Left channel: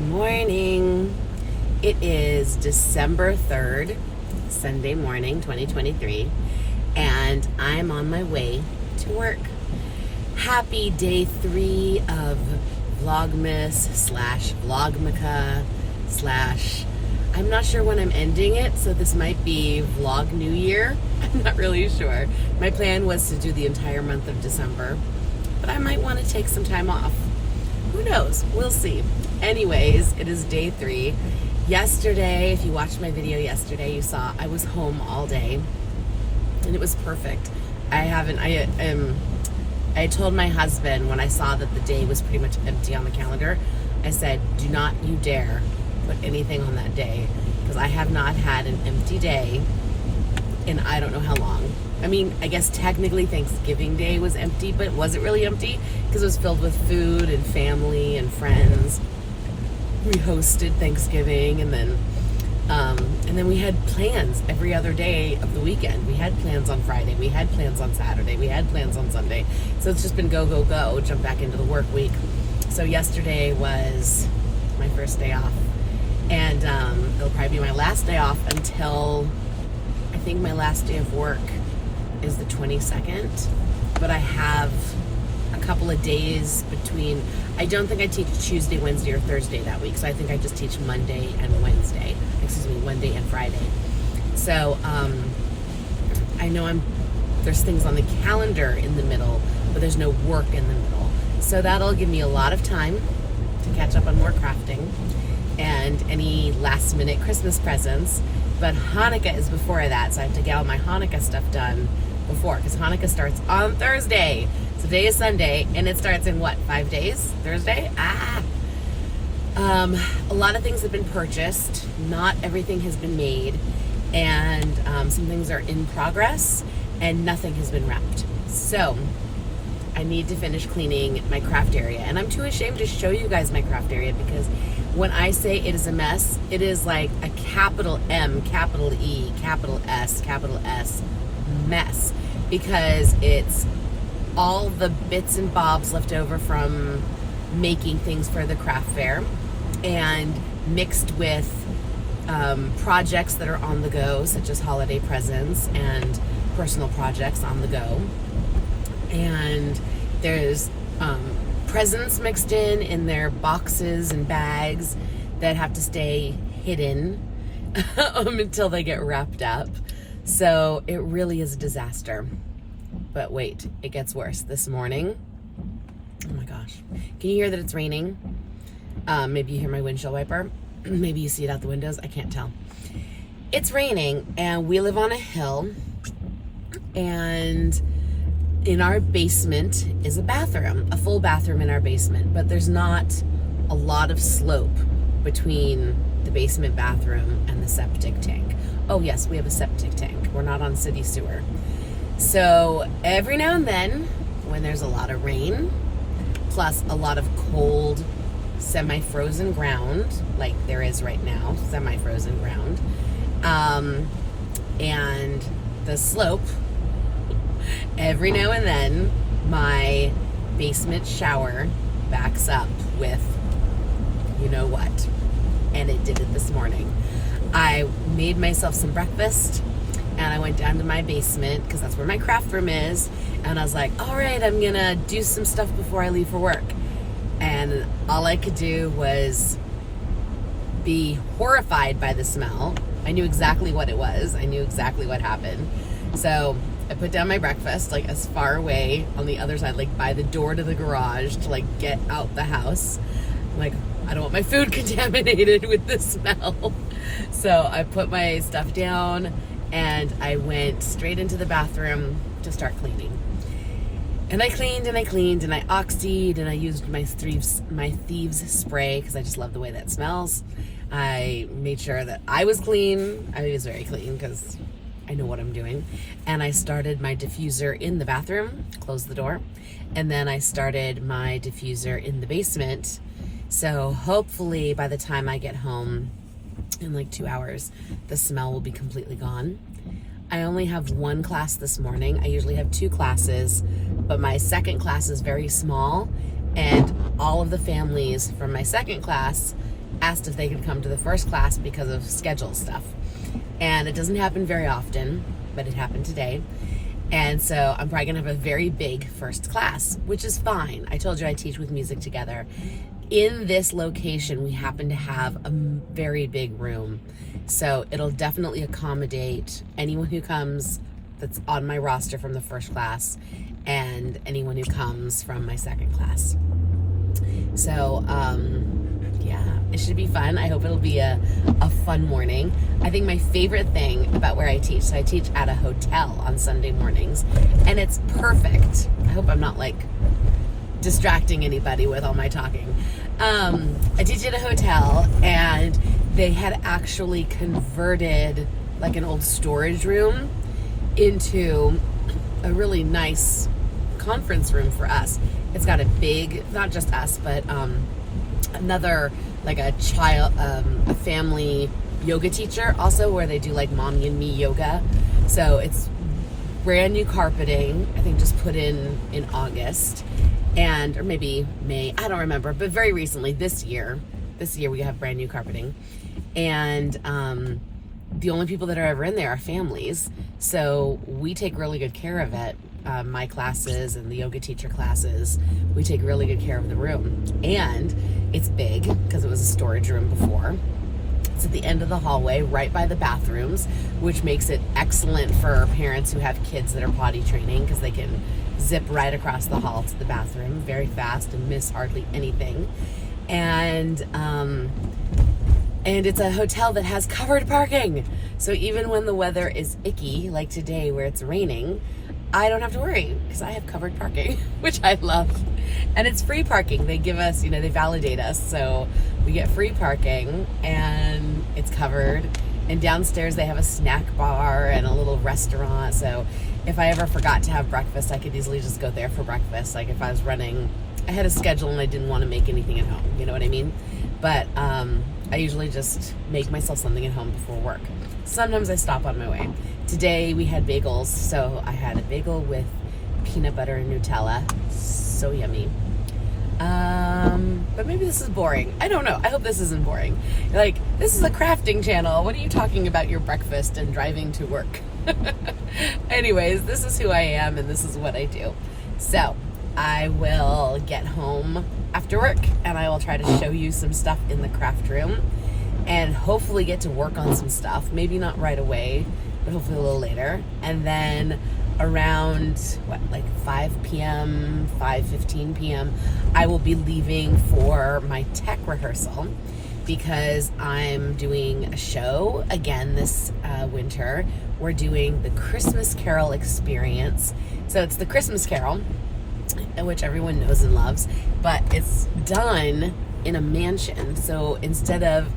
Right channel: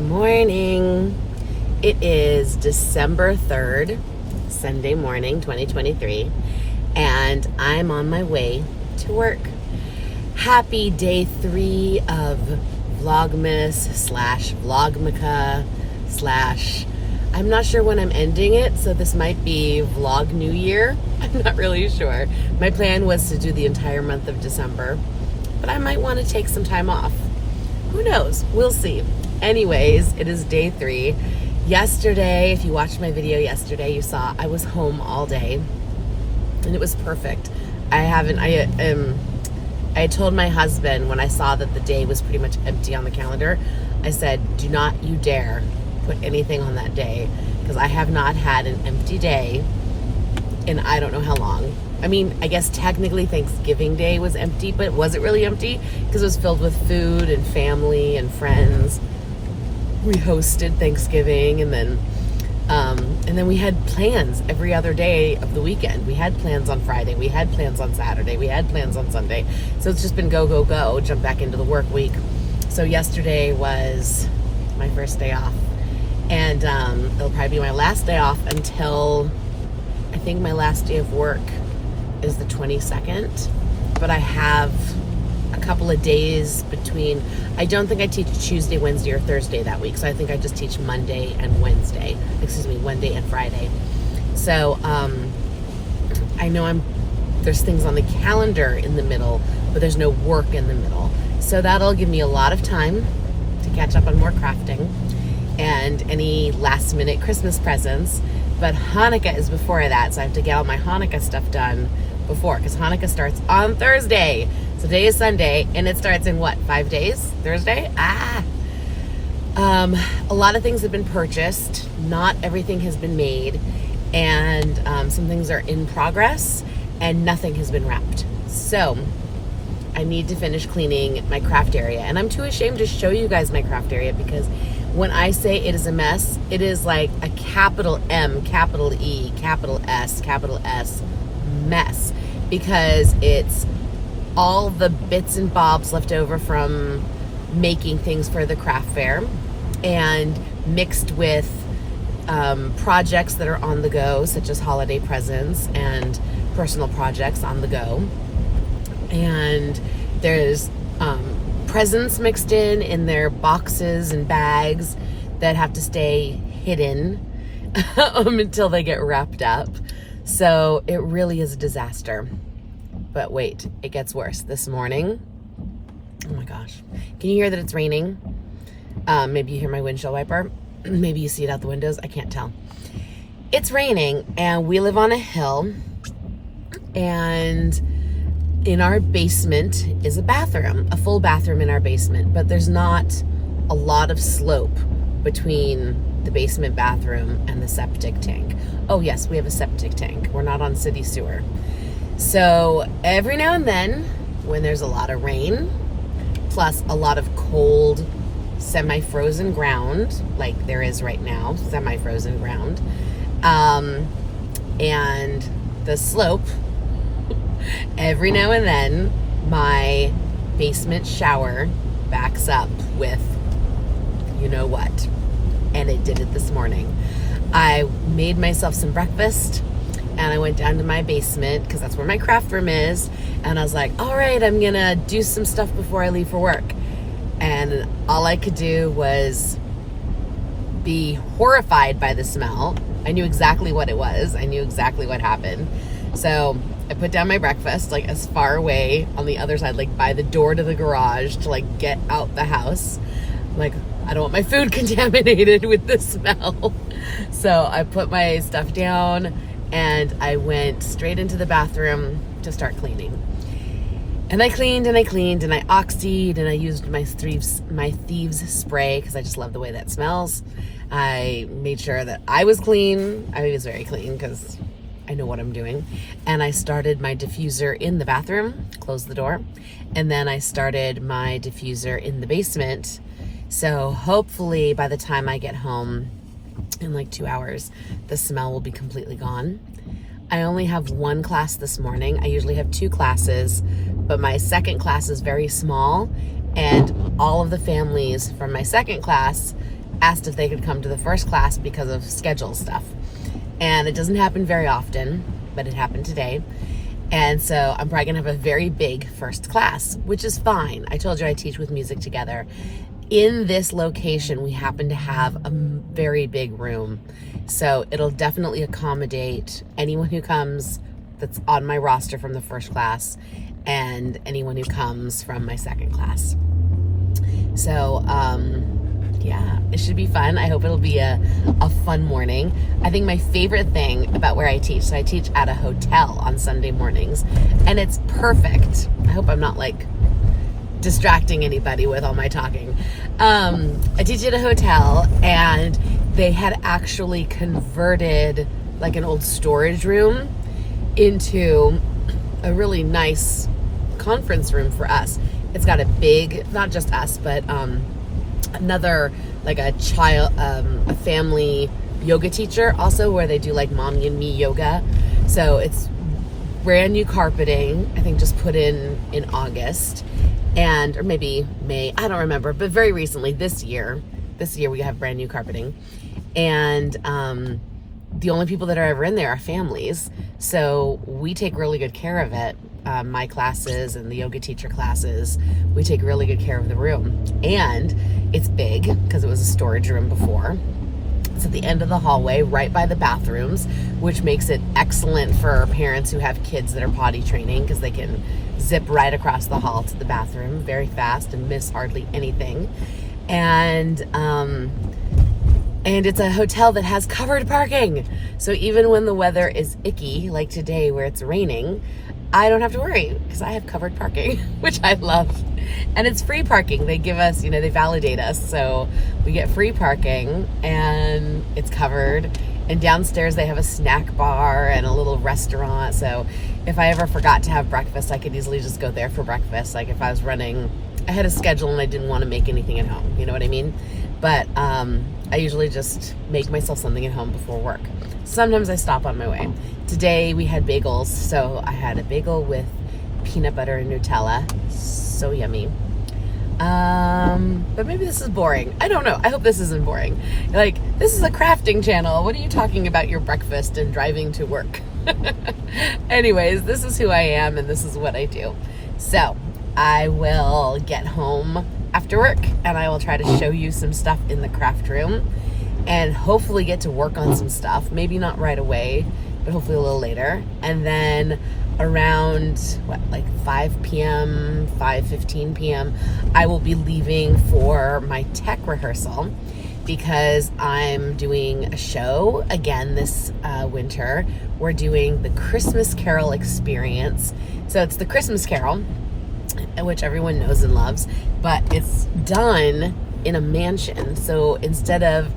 Good morning. It is December 3rd, Sunday morning, 2023, and I'm on my way to work. Happy day 3 of Vlogmas / Vlogmica / I'm not sure when I'm ending it, so this might be Vlog New Year. I'm not really sure. My plan was to do the entire month of December, but I might want to take some time off. Who knows? We'll see. Anyways, it is day 3. Yesterday, if you watched my video yesterday, you saw I was home all day, and it was perfect. I told my husband when I saw that the day was pretty much empty on the calendar, I said, do not you dare put anything on that day, because I have not had an empty day in I don't know how long. I mean, I guess technically Thanksgiving Day was empty, but it wasn't really empty because it was filled with food and family and friends. We hosted Thanksgiving, and then we had plans every other day of the weekend. We had plans on Friday, we had plans on Saturday, we had plans on Sunday. So it's just been go, go, go, jump back into the work week. So yesterday was my first day off, and it'll probably be my last day off until I think my last day of work is the 22nd, but I have a couple of days between. I don't think I teach Tuesday, Wednesday, or Thursday that week, so I think I just teach Monday and Friday. So I know there's things on the calendar in the middle, but there's no work in the middle, so that'll give me a lot of time to catch up on more crafting and any last minute Christmas presents. But Hanukkah is before that, so I have to get all my Hanukkah stuff done before, because Hanukkah starts on Thursday. So today is Sunday, and it starts in what, 5 days? Thursday? A lot of things have been purchased. Not everything has been made, and some things are in progress, and nothing has been wrapped. So I need to finish cleaning my craft area, and I'm too ashamed to show you guys my craft area, because when I say it is a mess, it is like a capital M, capital E, capital S mess, because it's all the bits and bobs left over from making things for the craft fair, and mixed with projects that are on the go, such as holiday presents and personal projects on the go. And there's presents mixed in their boxes and bags that have to stay hidden until they get wrapped up. So it really is a disaster. But wait, it gets worse. This morning, oh my gosh, can you hear that it's raining? Maybe you hear my windshield wiper. Maybe you see it out the windows. I can't tell. It's raining, and we live on a hill, and in our basement is a bathroom, a full bathroom in our basement, but there's not a lot of slope between the basement bathroom and the septic tank. Oh yes, we have a septic tank. We're not on city sewer. So every now and then, when there's a lot of rain, plus a lot of cold, semi-frozen ground, like there is right now, semi-frozen ground, and the slope, every now and then, my basement shower backs up with you know what. And it did it this morning. I made myself some breakfast, and I went down to my basement, because that's where my craft room is, and I was like, all right, I'm gonna do some stuff before I leave for work. And all I could do was be horrified by the smell. I knew exactly what it was. I knew exactly what happened. So I put down my breakfast, like as far away on the other side, like by the door to the garage, to like get out the house. I'm like, I don't want my food contaminated with the smell. So I put my stuff down, and I went straight into the bathroom to start cleaning. And I cleaned and I cleaned and I oxied, and I used my thieves spray, because I just love the way that smells. I made sure that I was clean. I was very clean because I know what I'm doing. And I started my diffuser in the bathroom, closed the door, and then I started my diffuser in the basement. So hopefully by the time I get home in like 2 hours, the smell will be completely gone. I only have one class this morning. I usually have 2 classes, but my second class is very small, and all of the families from my second class asked if they could come to the first class because of schedule stuff. And it doesn't happen very often, but it happened today. And so I'm probably gonna have a very big first class, which is fine. I told you I teach with Music Together. In this location, we happen to have a very big room. So it'll definitely accommodate anyone who comes that's on my roster from the first class and anyone who comes from my second class. So, yeah, it should be fun. I hope it'll be a fun morning. I think my favorite thing about where I teach, so I teach at a hotel on Sunday mornings, and it's perfect. I hope I'm not like distracting anybody with all my talking. I teach at a hotel, and they had actually converted like an old storage room into a really nice conference room for us. It's got a big, not just us, but another, like a child, a family yoga teacher also, where they do like mommy and me yoga. So it's brand new carpeting, I think just put in August, and or maybe May, I don't remember, but very recently this year we have brand new carpeting. And the only people that are ever in there are families, so we take really good care of it. My classes and the yoga teacher classes, we take really good care of the room. And it's big because it was a storage room before. It's at the end of the hallway, right by the bathrooms, which makes it excellent for parents who have kids that are potty training, because they can zip right across the hall to the bathroom very fast and miss hardly anything. And it's a hotel that has covered parking. So even when the weather is icky, like today where it's raining, I don't have to worry because I have covered parking, which I love. And it's free parking. They give us, they validate us. So we get free parking and it's covered. And downstairs they have a snack bar and a little restaurant. So if I ever forgot to have breakfast, I could easily just go there for breakfast. Like if I was running, I had a schedule and I didn't want to make anything at home. You know what I mean? But I usually just make myself something at home before work. Sometimes I stop on my way. Today we had bagels, so I had a bagel with peanut butter and Nutella. So yummy. But maybe this is boring. I don't know. I hope this isn't boring. Like, this is a crafting channel. What are you talking about your breakfast and driving to work? Anyways, this is who I am and this is what I do. So I will get home after work and I will try to show you some stuff in the craft room and hopefully get to work on some stuff. Maybe not right away, but hopefully a little later. And then around 5 p.m., 5:15 p.m., I will be leaving for my tech rehearsal because I'm doing a show again this winter. We're doing the Christmas Carol experience. So it's the Christmas Carol, which everyone knows and loves, but it's done in a mansion. So instead of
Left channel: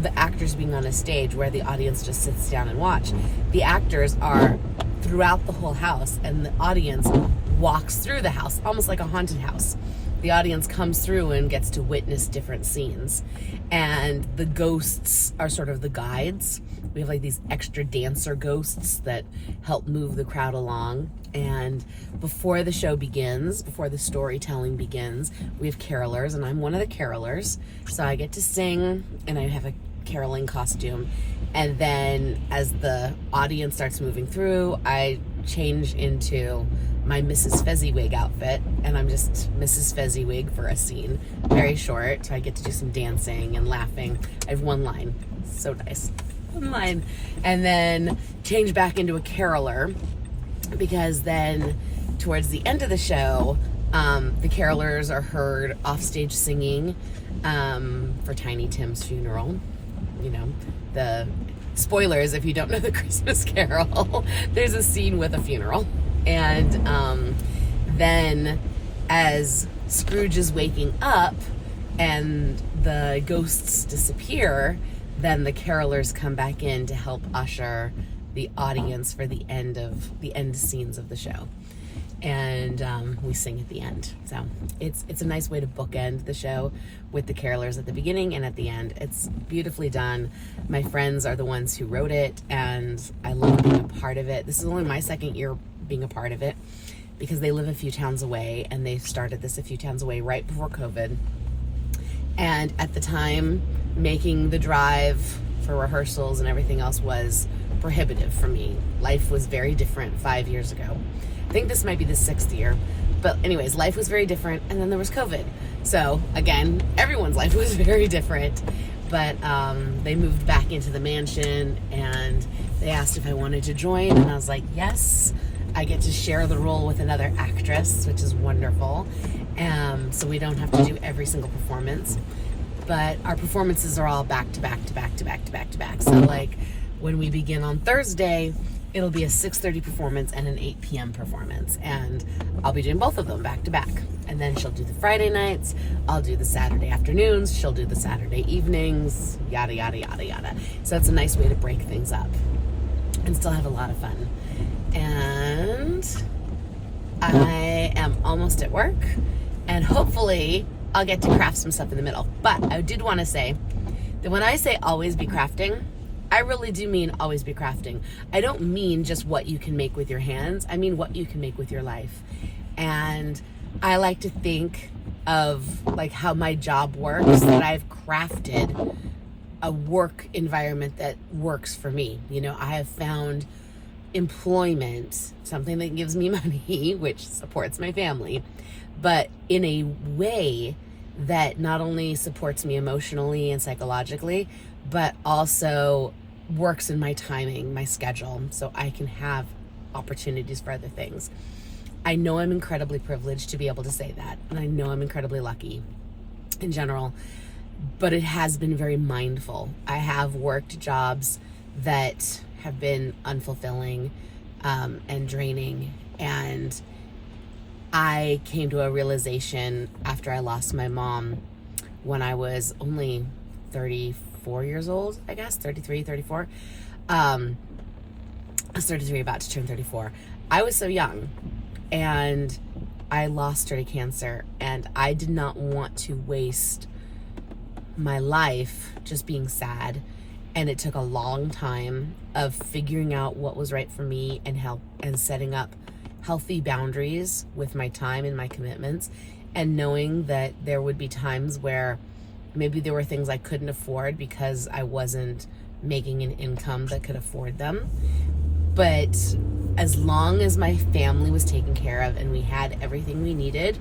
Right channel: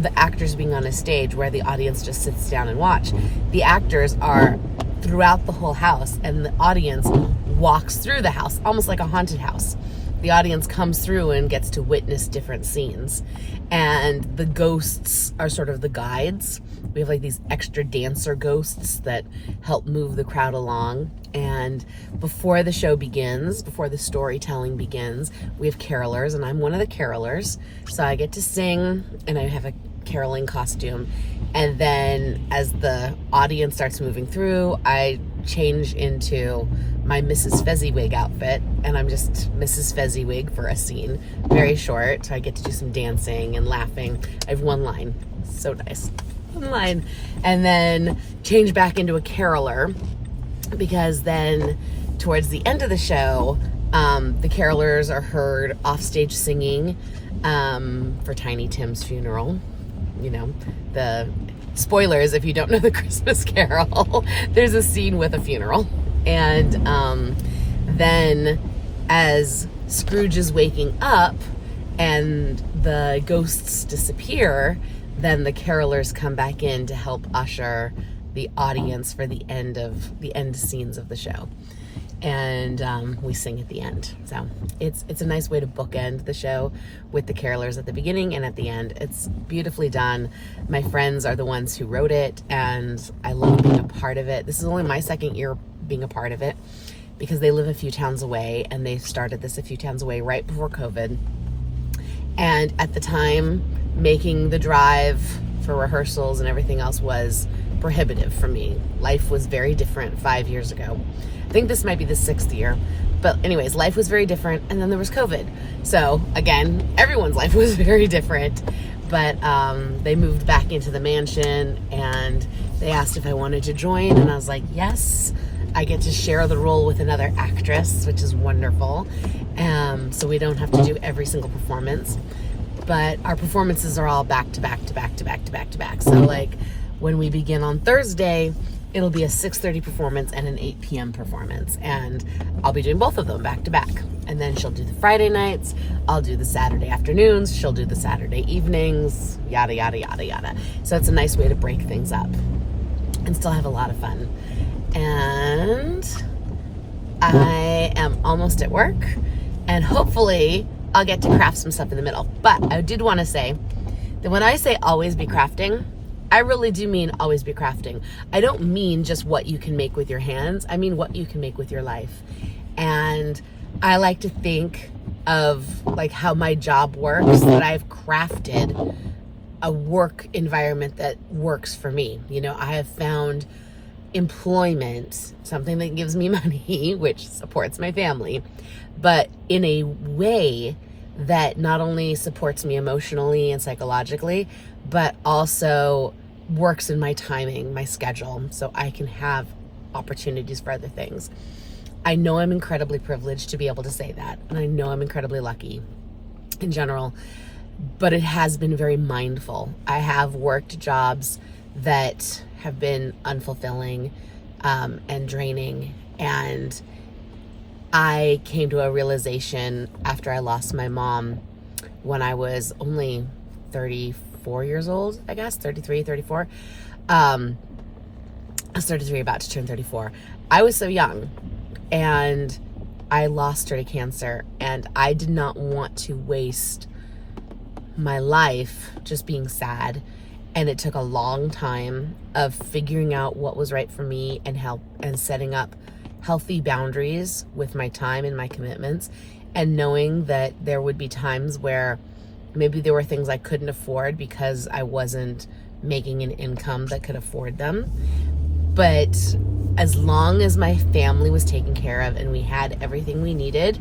the actors being on a stage where the audience just sits down and watch, the actors are throughout the whole house and the audience walks through the house, almost like a haunted house. The audience comes through and gets to witness different scenes, and the ghosts are sort of the guides. We have like these extra dancer ghosts that help move the crowd along. And before the show begins, before the storytelling begins, we have carolers, and I'm one of the carolers. So I get to sing, and I have a caroling costume. And then as the audience starts moving through, I change into my Mrs. Fezziwig outfit, and I'm just Mrs. Fezziwig for a scene, very short. So I get to do some dancing and laughing. I have one line, so nice, one line, and then change back into a caroler, because then towards the end of the show, the carolers are heard offstage singing for Tiny Tim's funeral. The spoilers, if you don't know the Christmas Carol, there's a scene with a funeral. And then as Scrooge is waking up and the ghosts disappear, then the carolers come back in to help usher the audience for the end scenes of the show. And we sing at the end. So it's a nice way to bookend the show with the carolers at the beginning and at the end. It's beautifully done. My friends are the ones who wrote it, and I love being a part of it. This is only my second year being a part of it because they live a few towns away, and they started this a few towns away right before COVID. And at the time making the drive for rehearsals and everything else was prohibitive for me. Life was very different 5 years ago. I think this might be the 6th year. But anyways, life was very different, and then there was COVID. So again, everyone's life was very different. But they moved back into the mansion, and they asked if I wanted to join, and I was like, yes. I get to share the role with another actress, which is wonderful. So we don't have to do every single performance. But our performances are all back to back to back to back to back to back. So like when we begin on Thursday, it'll be a 6:30 performance and an 8 p.m. performance. And I'll be doing both of them back to back. And then she'll do the Friday nights. I'll do the Saturday afternoons. She'll do the Saturday evenings, yada, yada, yada, yada. So it's a nice way to break things up and still have a lot of fun. And I am almost at work, and hopefully I'll get to craft some stuff in the middle. But I did want to say that when I say always be crafting, I really do mean always be crafting. I don't mean just what you can make with your hands. I mean what you can make with your life. And I like to think of like how my job works, that I've crafted a work environment that works for me. You know, I have found employment, something that gives me money, which supports my family, but in a way that not only supports me emotionally and psychologically, but also works in my timing, my schedule, so I can have opportunities for other things. I know I'm incredibly privileged to be able to say that, and I know I'm incredibly lucky in general, but it has been very mindful. I have worked jobs that have been unfulfilling and draining, and I came to a realization after I lost my mom when I was only 34 years old, I guess, 33, 34. I was 33, about to turn 34. I was so young, and I lost her to cancer, and I did not want to waste my life just being sad. And it took a long time of figuring out what was right for me and setting up healthy boundaries with my time and my commitments, and knowing that there would be times where maybe there were things I couldn't afford because I wasn't making an income that could afford them. But as long as my family was taken care of and we had everything we needed,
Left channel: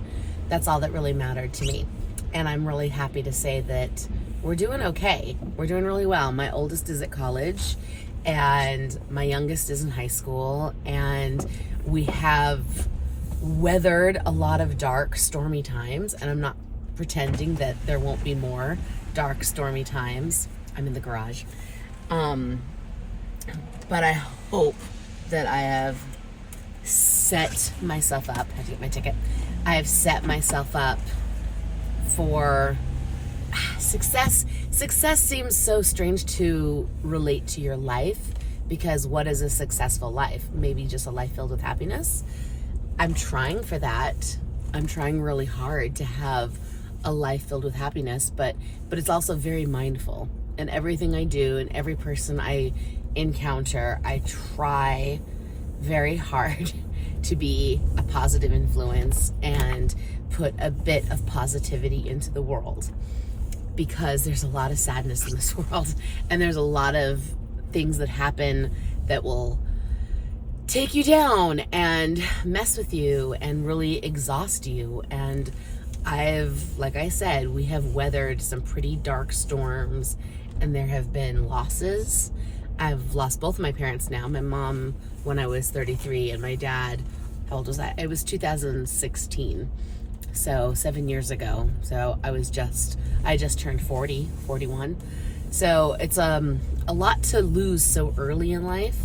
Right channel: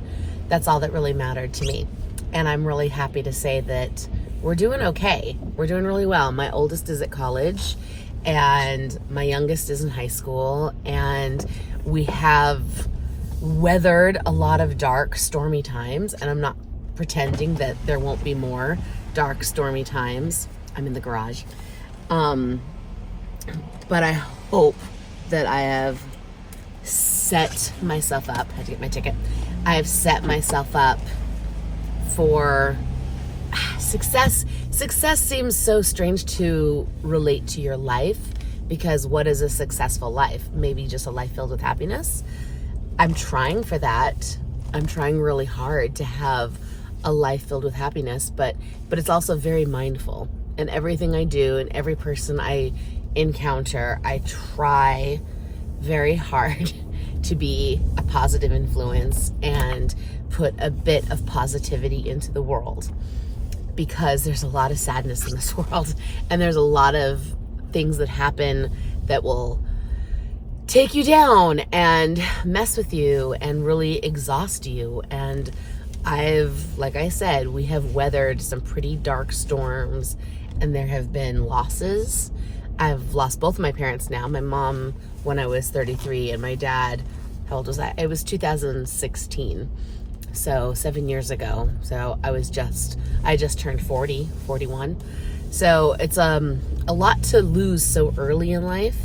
that's all that really mattered to me. And I'm really happy to say that we're doing okay. We're doing really well. My oldest is at college, and my youngest is in high school, and we have weathered a lot of dark, stormy times, and I'm not pretending that there won't be more dark, stormy times. I'm in the garage. But I hope that I have set myself up. I had to get my ticket. I have set myself up for success. Success seems so strange to relate to your life, because what is a successful life? Maybe just a life filled with happiness. I'm trying for that. I'm trying really hard to have a life filled with happiness, but it's also very mindful. And everything I do and every person I encounter, I try very hard to be a positive influence and put a bit of positivity into the world, because there's a lot of sadness in this world, and there's a lot of things that happen that will take you down and mess with you and really exhaust you. And like I said, we have weathered some pretty dark storms, and there have been losses. I've lost both of my parents now. My mom when I was 33, and my dad, how old was I? It was 2016. So 7 years ago. So I just turned 41. So it's a lot to lose so early in life.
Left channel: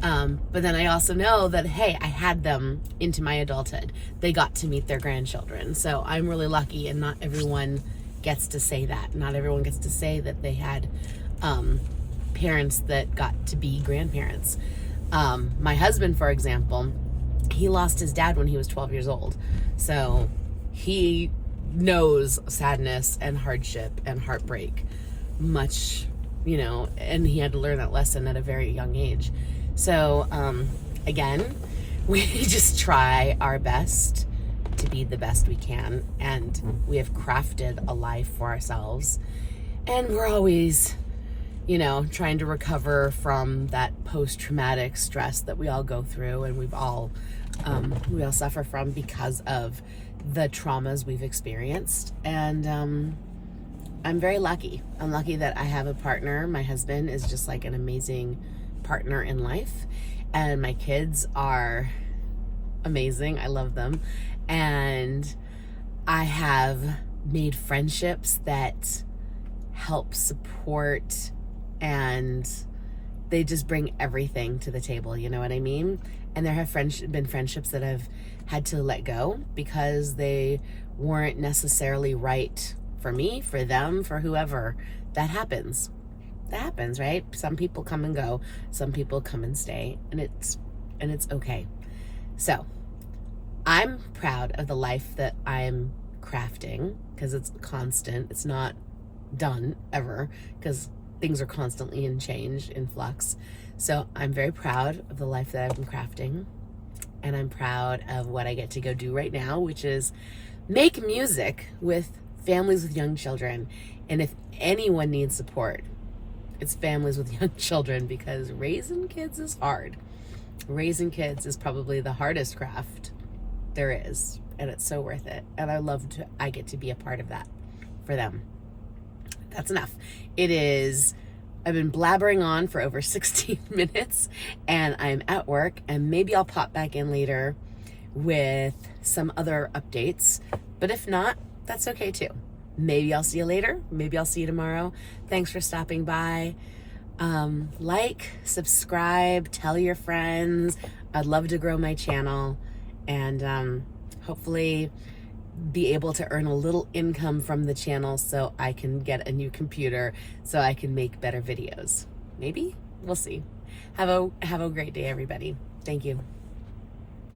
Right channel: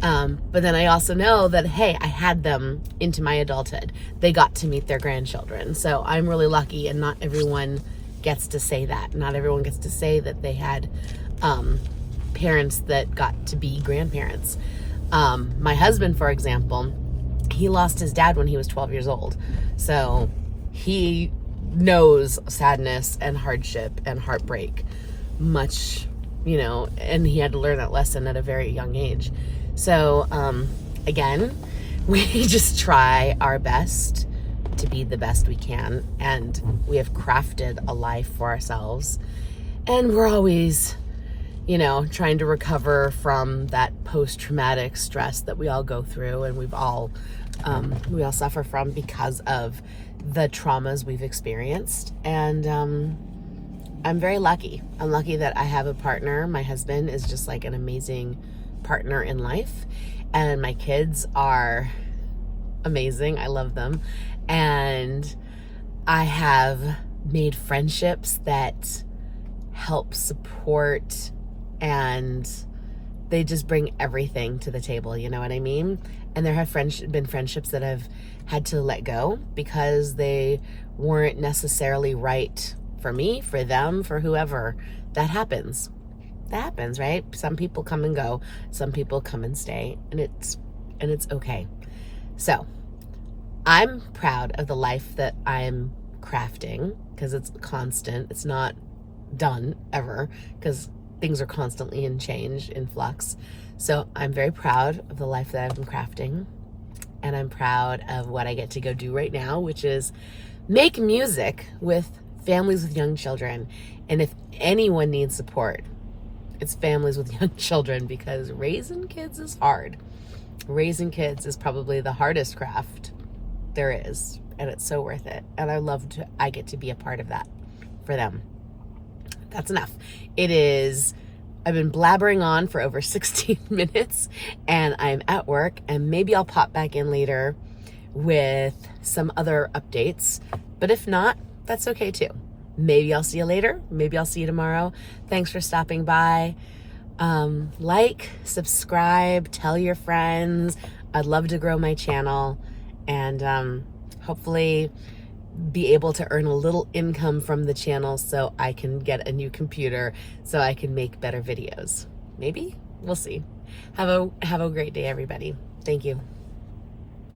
But then I also know that, hey, I had them into my adulthood. They got to meet their grandchildren. So I'm really lucky, and not everyone gets to say that. Not everyone gets to say that they had parents that got to be grandparents. My husband, for example, he lost his dad when he was 12 years old. So he knows sadness and hardship and heartbreak much, and he had to learn that lesson at a very young age. So, again, we just try our best to be the best we can, and we have crafted a life for ourselves. And we're always, trying to recover from that post-traumatic stress that we all go through, and we all suffer from because of the traumas we've experienced. And I'm very lucky. I'm lucky that I have a partner. My husband is just like an amazing partner in life, and my kids are amazing. I love them. And I have made friendships that help support, and they just bring everything to the table, you know what I mean? And there have been friendships that I've had to let go because they weren't necessarily right for me, for them, for whoever. That happens, right? Some people come and go, some people come and stay, and it's okay. So I'm proud of the life that I'm crafting, because it's constant. It's not done ever, because things are constantly in change, in flux. So I'm very proud of the life that I've been crafting, and I'm proud of what I get to go do right now, which is make music with families with young children. And if anyone needs support, it's families with young children, because raising kids is hard. Raising kids is probably the hardest craft there is, and it's so worth it. And I get to be a part of that for them. That's enough. I've been blabbering on for over 16 minutes, and I'm at work, and maybe I'll pop back in later with some other updates. But if not, that's okay too. Maybe I'll see you later. Maybe I'll see you tomorrow. Thanks for stopping by. Like, subscribe, tell your friends. I'd love to grow my channel, and hopefully be able to earn a little income from the channel so I can get a new computer so I can make better videos. Maybe? We'll see. Have a great day, everybody. Thank you.